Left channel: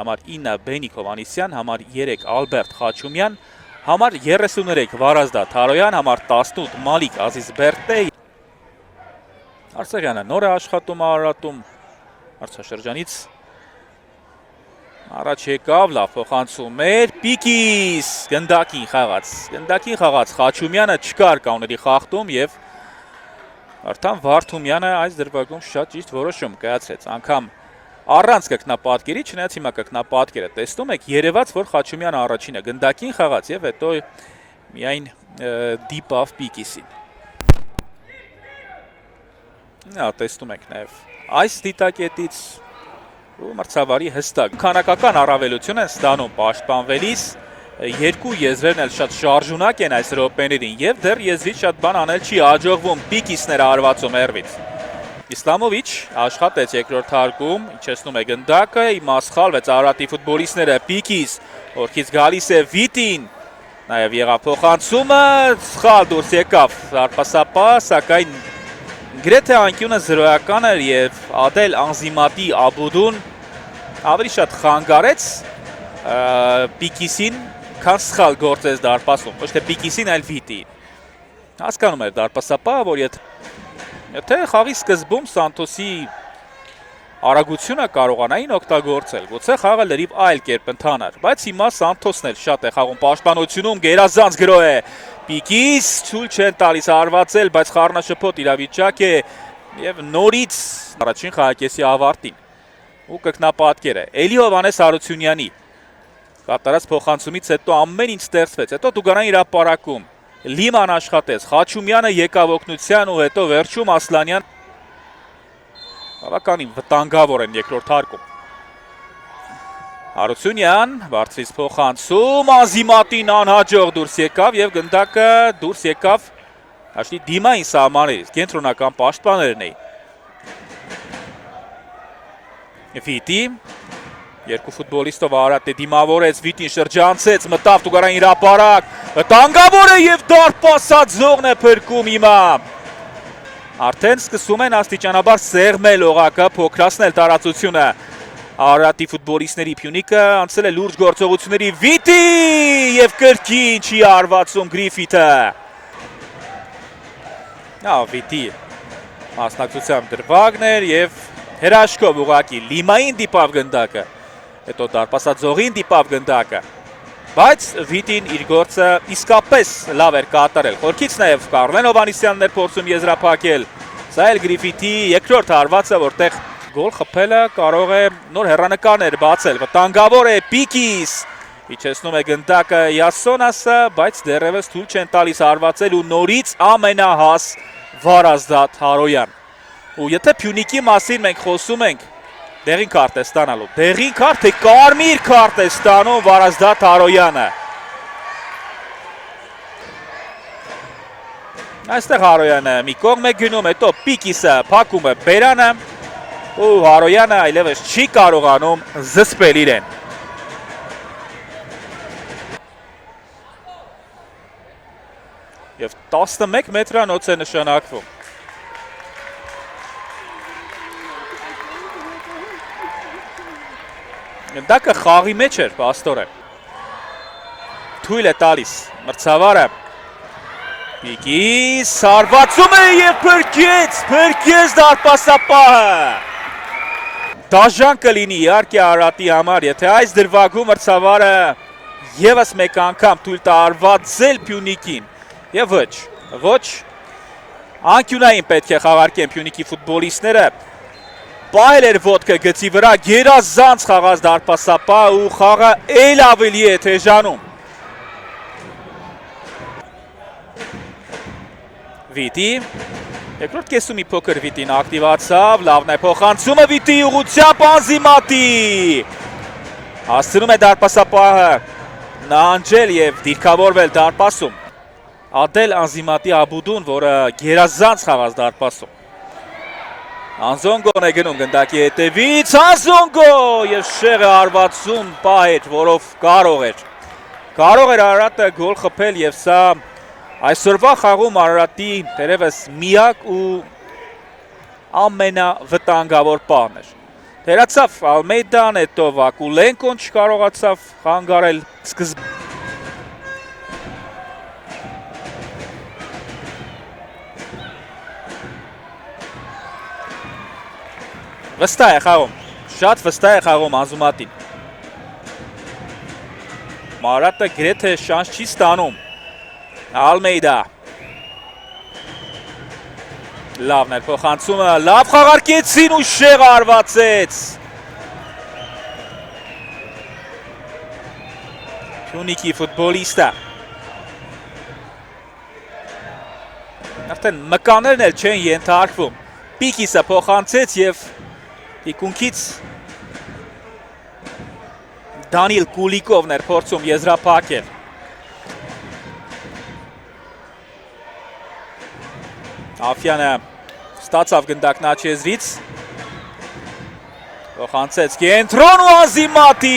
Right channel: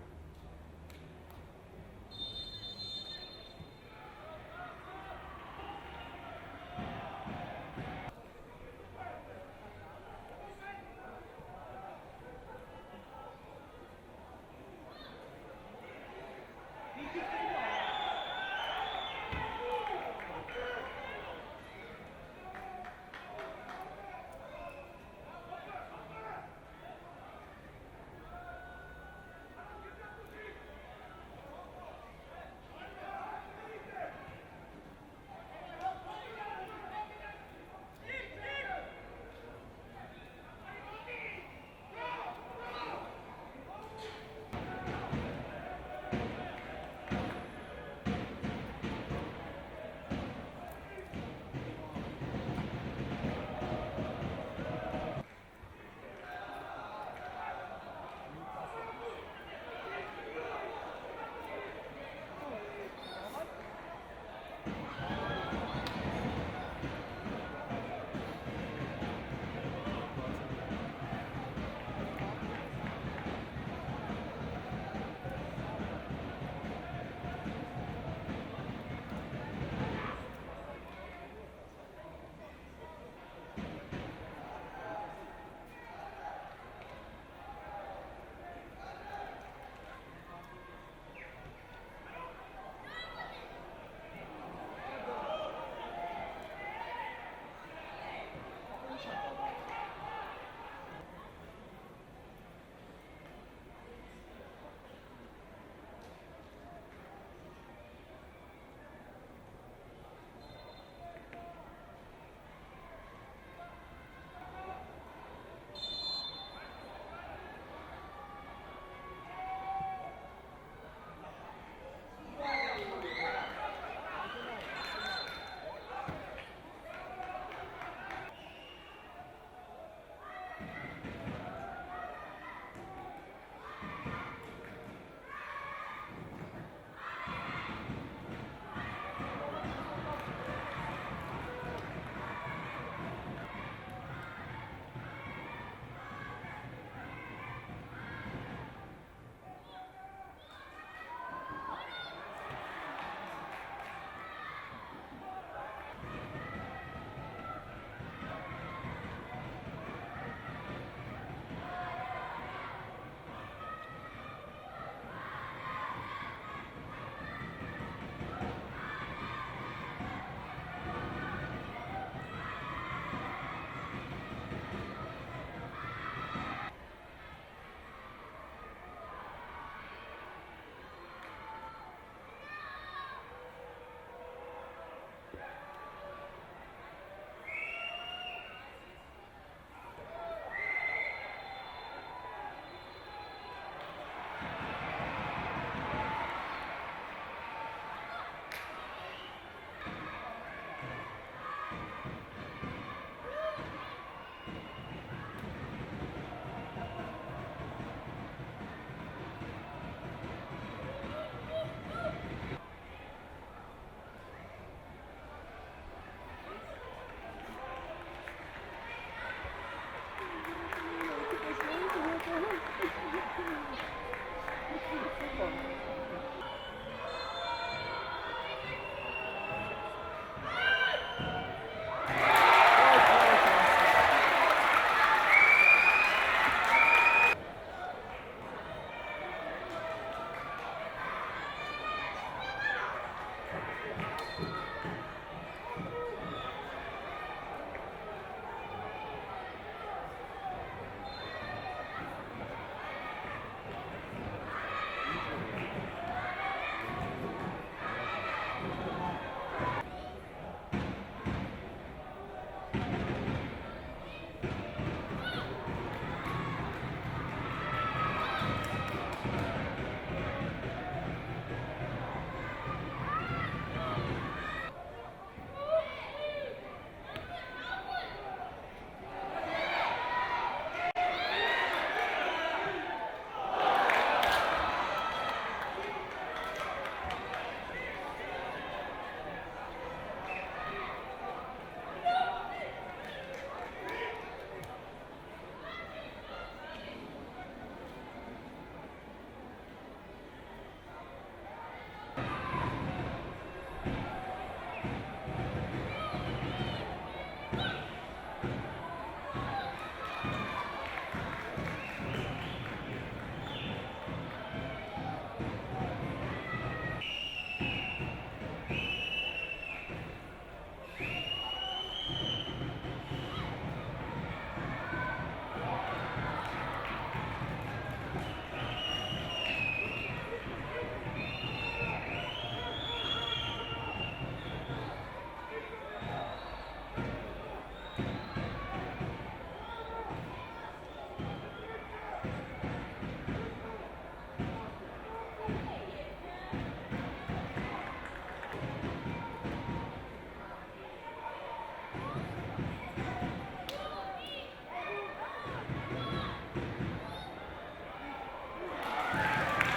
Համար 9 Բենիկ Հովանիսյան, համար 3 Ալբերտ Խաչումյան, համար 33 Վարազդա Թարոյան, համար 18 Մալիկ Ազիզբերտե։ Արցախյանը նոր է աշխատում Արարատում հարցաշրջանից առաջ եկավ, լավ փոխանցում էր, Պիկիս գնդակին խաղաց Խաչումյանը չկար կանոնների խախտում եւ արդեն Վարդումյանը այս դրվագում շատ ճիշտ որոշում կայացրեց, անգամ առանց կրկնապատկերի, չնայած հիմա կրկնապատկերը տեսնում եք, երևաց, որ Խաչումյանը առաջինը գնդակին խաղաց եւ հետո միայն դիպավ Պիկիսին։ Տեսնում եք նաեւ այս դիտակետից ու մրցավարի հստակ քանակական առավելություն են ստանում պաշտպանվելիս, երկու եզրերն էլ շատ շարժունակ են այս րոպեներին եւ դեռ եզրից շատ բան անել չի հաջողվում, Պիկիսներ հարվածում հեռվից։ Իսլամովիչ աշխատեց երկրորդ հարկում, իջեցնում է գնդակը, հիմա սխալվեց Արարատի ֆուտբոլիստները, Պիկիս, օրքից գալիս է Վիտին, նաև եղավ փոխանցումը, սխալ դուրս եկավ դարպասապահ, սակայն գրեթե անկյունը 0-ական էր եւ Ադել Անզիմատի Աբուդուն ավելի շատ խանգարեց Պիկիսին, քան սխալ գործեց դարպասում, ոչ թե Պիկիսին, այլ Վիտին։ Հասկանում էր դարպասապահը, որ եթե խաղի սկզբում Սանթոսի արագությունը կարողանային օգտագործել, գուցե խաղը լրիվ այլ կերպ ընթանար, բայց հիմա Սանթոսն էլ շատ է խաղում պաշտպանությունում, գերազանց գրո է Պիկիս, ցույլ չեն տալիս հարվածել, բայց խառնաշփոթ իրավիճակ է եւ նորից առաջին խաղակեսի ավարտին ու կրկնապատկերը Էլի Հովհաննես Հարությունյանի կատարած փոխանցումից հետո ամեն ինչ ստեղծվեց, հետո Դուգանան հրապարակում Լիման աշխատեց, Խաչումյանը եկավ օգնության ու հետո վերջում Ասլանյան բավականին վտանգավոր են երկրորդ հարկում։ Հարությունյան, բարձրից փոխանցում, Անզիմատին անհաջող դուրս եկավ եւ գնդակը դուրս եկավ հաշտի դիմային սահմաններից, կենտրոնական պաշտպաններն էին։ Վիտի երկու ֆուտբոլիստով Արարատը դիմավորեց, Վիտին շրջանցեց, մտավ Տուգարան հրապարակ, վտանգավոր է եւ դարպասածողն է փրկում հիմա։ Արդեն սկսում են աստիճանաբար սեղմել օղակը, փոքրացնել տարածությունը։ Արարատի ֆուտբոլիստների Փյունիկը անցել է լուրջ գործողությունների, Վիտի եւ կրկին չի հարվածում Գրիֆիթը։ Վիտի մասնակցությամբ դրվագն էր եւ հրաշքով ուղակի Լիմային դիպավ գնդակը։ Հետո դարպասածողին դիպավ գնդակը, բայց Վիտին իր գործը իսկապես լավ էր կատարել, խորքից նաև Կարլեն Հովհաննիսյանն էր փորձում եզրափակել, սա էլ Գրիֆիթի երկրորդ հարվածը, որտեղ գոլ խփելը կարող է նոր հեռանկարներ բացել, վտանգավոր է Պիկիս, իջեցնում է գնդակը Յասոնասը, բայց դեռևս թույլ չեն տալիս հարվածել ու նորից ամենահաս Վարազդա Թարոյան։ Ու եթե Փյունիկի մասին մենք խոսում ենք, դեղին քարտ է ստանալու, դեղին քարտ թե կարմիր քարտ է ստանում Վարազդա Թարոյանը։ Այստեղ Հարոյանը մի կողմ է գնում, հետո Պիկիսը փակում է բերանը ու Հարոյանը այլևս չի կարողանում զսպել իրեն։ Եվ 11 մետրանոց է նշանակվում։ Գնդակը խաղի մեջ էր, պաստորեն։ Թույլ է տալիս մրցավարը։ Պիկիս հարվածում է և փրկեց դարպասապահը։ Դաժան կլինի իհարկե Արարատի համար, եթե այս դրվագում մրցավարը ևս մեկ անգամ թույլ տա հարվածել Փյունիկին։ Եվ ոչ, անկյունային պետք է խաղարկեն Փյունիկի ֆուտբոլիստները։ Պահել էր ոտքը գծի վրա, գերազանց խաղաց դարպասապահը ու խաղը էլ ավելի է թեժանում։ Վիտի, երկրորդ կեսում մի փոքր Վիտին ակտիվացավ, լավն է փոխանցումը Վիտի ուղղությամբ Անզիմատի։ Հասցնում է դարպասապահը նահանջել և դիրքավորվել դարպասում։ Ադել Անզիմատի Աբուդուն, որը գերազանց խաղաց դարպասում։ Անզոնգոն է գնում գնդակի հետևից, Անզոնգո և շեղը հարվածում պահ էր, որով կարող էր Արարատը գոլ խփել և սա Այսօրվա խաղում Արարատի դերևս միակ ու ամենավտանգավոր պահն էր։ Թերացավ Ալմեյդան, հետո Վակուլենկոն չկարողացավ խանգարել սկզբում։ Վստահ է խաղում, շատ վստահ է խաղում Անզումատին։ Մարատը գրեթե շանս չի ստանում։ Ալմեյդա։ Լավն էր փոխանցումը, լավ խաղարկեցին ու շեղ արվածեց։ Փյունիկի ֆուտբոլիստը։ Արդեն մկաներն էլ չեն ենթարկվում։ Պիկիսը փոխանցեց և թիկունքից Դանիել Կուլիկովն էր փորձում եզրափակել։ Աֆյանը ստացավ գնդակն աչեզրից, փոխանցեց կենտրոն ու Անզիմատի։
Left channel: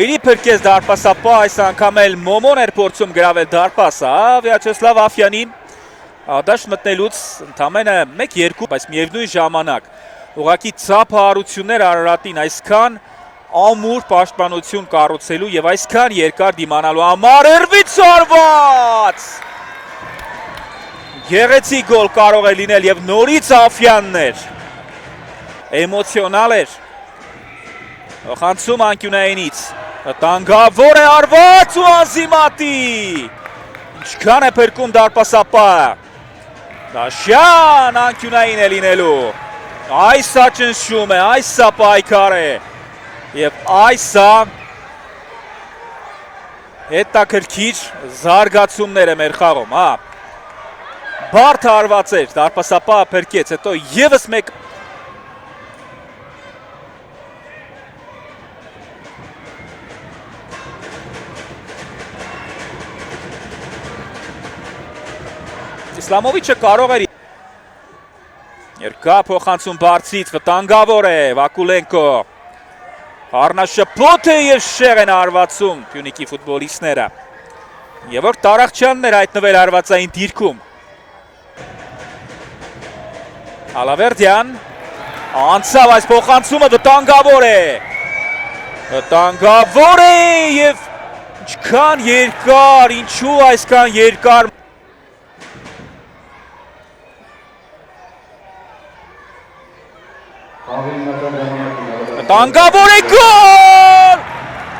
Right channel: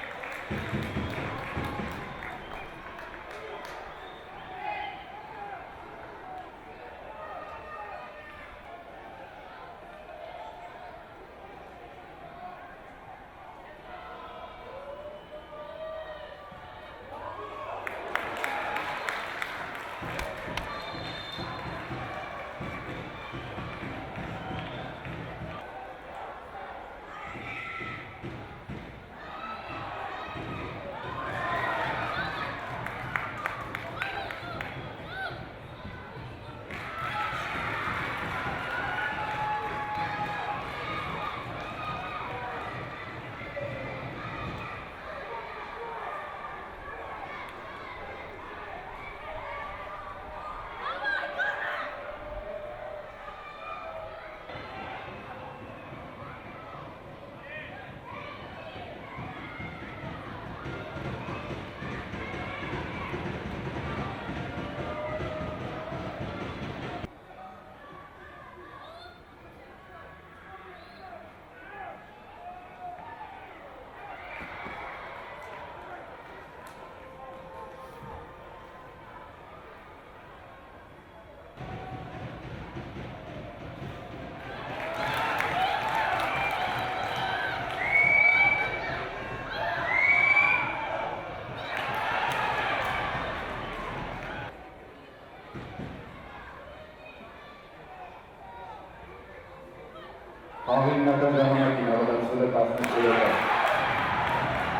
Էլի փրկեց դարպասապահ, այս անգամ էլ Մոմոն էր փորձում գրավել դարպասը, Վյաչեսլավ Աֆյանին դաշտ մտնելուց ընդամենը 1-2, բայց միևնույն ժամանակ ուղղակի ծափահարություններ Արարատին այսքան ամուր պաշտպանություն կառուցելու եւ այսքան երկար դիմանալու համար Էրվից արված։ Գեղեցիկ գոլ կարող է լինել եւ նորից Աֆյանն էր։ Էմոցիոնալ էր։ Խանցում անկյունայինից։ Տանգավոր է արված ու Անզիմատի։ Ինչքան է փրկում դարպասապահը։ Դաշյան անկյունային է լինելու։ Այս սա ճնշում է, այս սա պայքար է։ Եվ այս սա հետաքրքիր զարգացումներ է մեր խաղում, հա։ Բարդ հարված էր, դարպասապահը փրկեց, հետո եւս մեկ Իսլամովիչը կարող էր երկա փոխանցում բարձից, վտանգավոր է Վակուլենկո։ Առնաշփոթ է եւ շեղ են արվածում Փյունիկի ֆուտբոլիստները։ Եվ որ Տարախչյանն էր հայտնվել արվածային դիրքում։ Ալավերդյան անցավ այս փոխանցումը, վտանգավոր է։ Վտանգավոր է եւ ինչքան երկար, ինչու այսքան երկար։ Վտանգավոր է գոլ!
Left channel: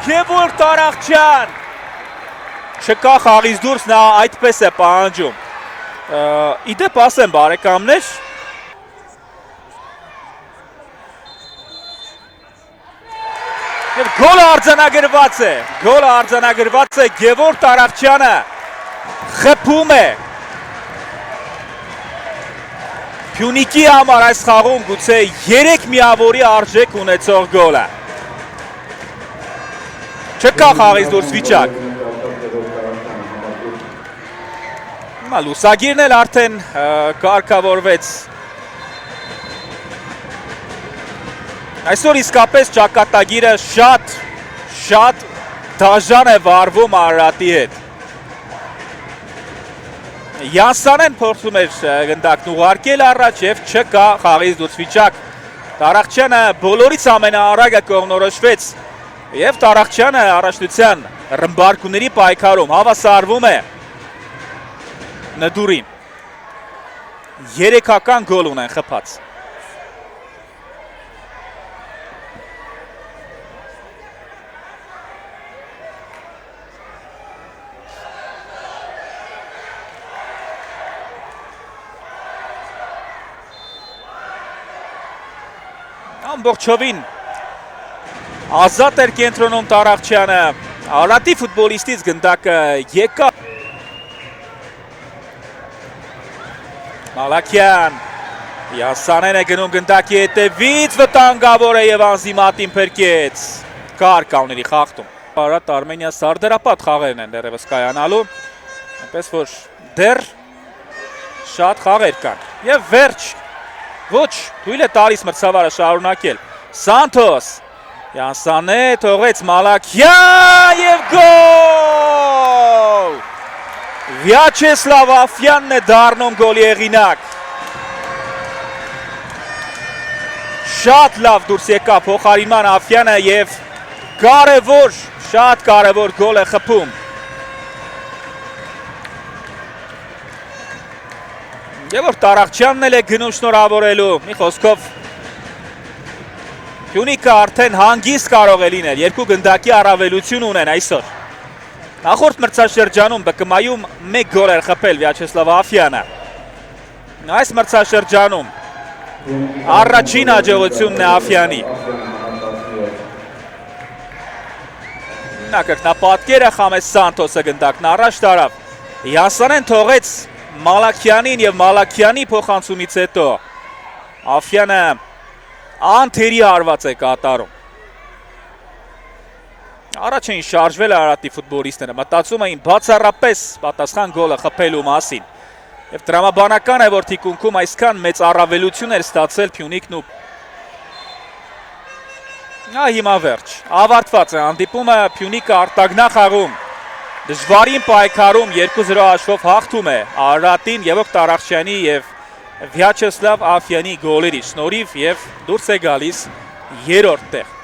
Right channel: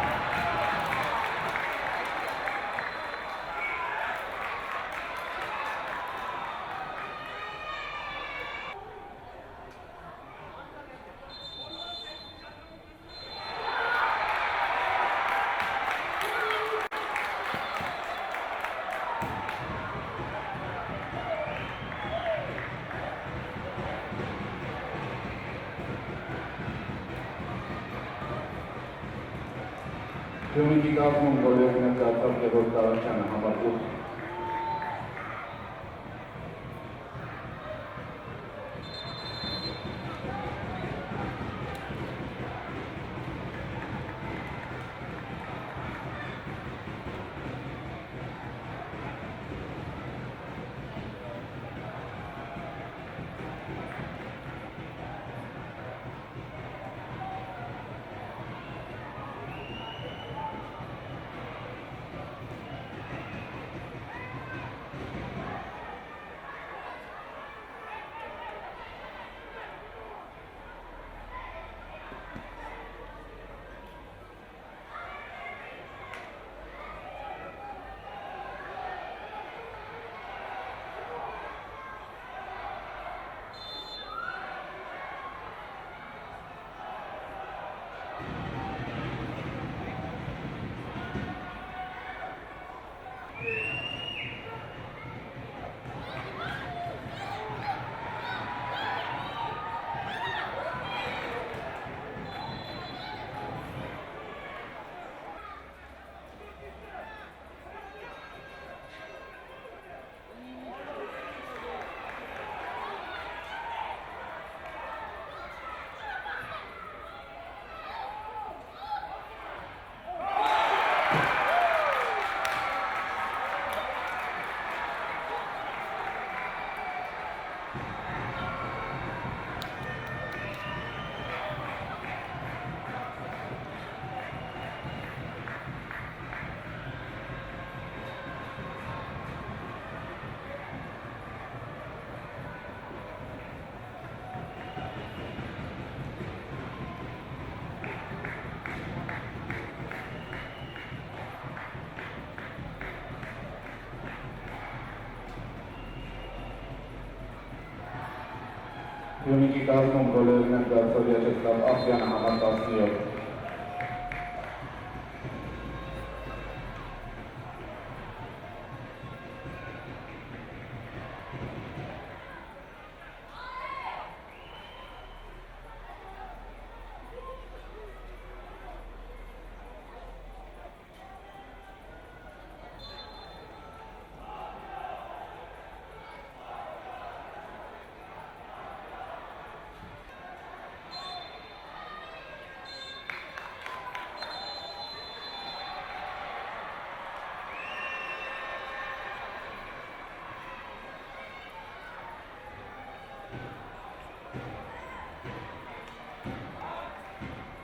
Գևորգ Տարախչյան։ Չկա խաղից դուրս, նա այդպես է պահանջում։ Իդեպ ասեմ բարեկամներ, գոլը արձանագրված է, Գևորգ Տարախչյանը խփում է Փյունիկի համար այս խաղում գուցե 3 միավորի արժեք ունեցող գոլը։ Չկա խաղից դուրս վիճակ։ Լուսագիրն էլ արդեն կարգավորվեց։ Այսօր իսկապես ճակատագիրը շատ դաժան է վարվում Արարատի հետ։ Յանսանեն փորձում էր գնդակն ուղարկել առաջ եւ չկա խաղից դուրս վիճակ։ Տարախչյանը բոլորից ամենաառագը կողմնորոշվեց եւ Տարախչյանը առաջնության ռմբարկուների պայքարում հավասարվում է Նդուրին։ 3-ական գոլ ունեն խփած։ Ամբողջովին ազատ էր կենտրոնում Տարախչյանը, Արարատի ֆուտբոլիստից գնդակը եկա։ Մալաքյան, Յանսանեն է գնում գնդակի հետևից, վտանգավոր է եւ Անզիմատին փրկեց։ Կար կաների խախտում։ Արարատ Արմենիա սարդերապատ խաղերն են դեռևս կայանալու, այնպես որ դեռ շատ խաղեր կան։ Եվ վերջ ոչ, թույլ է տալիս մրցավարը շարունակել։ Սանթոս, Յանսանե թողեց Մալաքյան և գոլ! Վյաչեսլավ Աֆյանն է դառնում գոլի հեղինակ։ Շատ լավ դուրս եկավ փոխարինման Աֆյանը եւ կարևոր, շատ կարևոր գոլ է խփում։ Եվ որ Տարախչյանն էլ է գնում շնորհավորելու, մի խոսքով Փյունիկը արդեն հանգիստ կարող է լինել, երկու գնդակի առավելություն ունեն այսօր։ Նախորդ մրցաշրջանում ԲԿՄ-ում 1 գոլ էր խփել Վյաչեսլավ Աֆյանը։ Այս մրցաշրջանում առաջին հաջողությունն է Աֆյանի։ Կրկնապատկերը Խամես Սանթոսը գնդակն առաջ տարավ։ Յանսանեն թողեց Մալաքյանին եւ Մալաքյանի փոխանցումից հետո Աֆյանը անթերի հարված է կատարում։ Առաջ էին շարժվել Արարատի ֆուտբոլիստները, մտածում էին բացառապես պատասխան գոլը խփելու մասին։ Եվ տրամաբանական է, որ թիկունքում այսքան մեծ առավելություն էր ստացել Փյունիկն ու հիմա վերջ։ Ավարտված է հանդիպումը, Փյունիկը արտագնա խաղում։ Դժվարին պայքարում 2-0 հաշվով հաղթում է Արարատին Եվոկ Տարախչյանի եւ Վյաչեսլավ Աֆյանի գոլերի շնորհիվ եւ դուրս է գալիս երրորդ տեղ։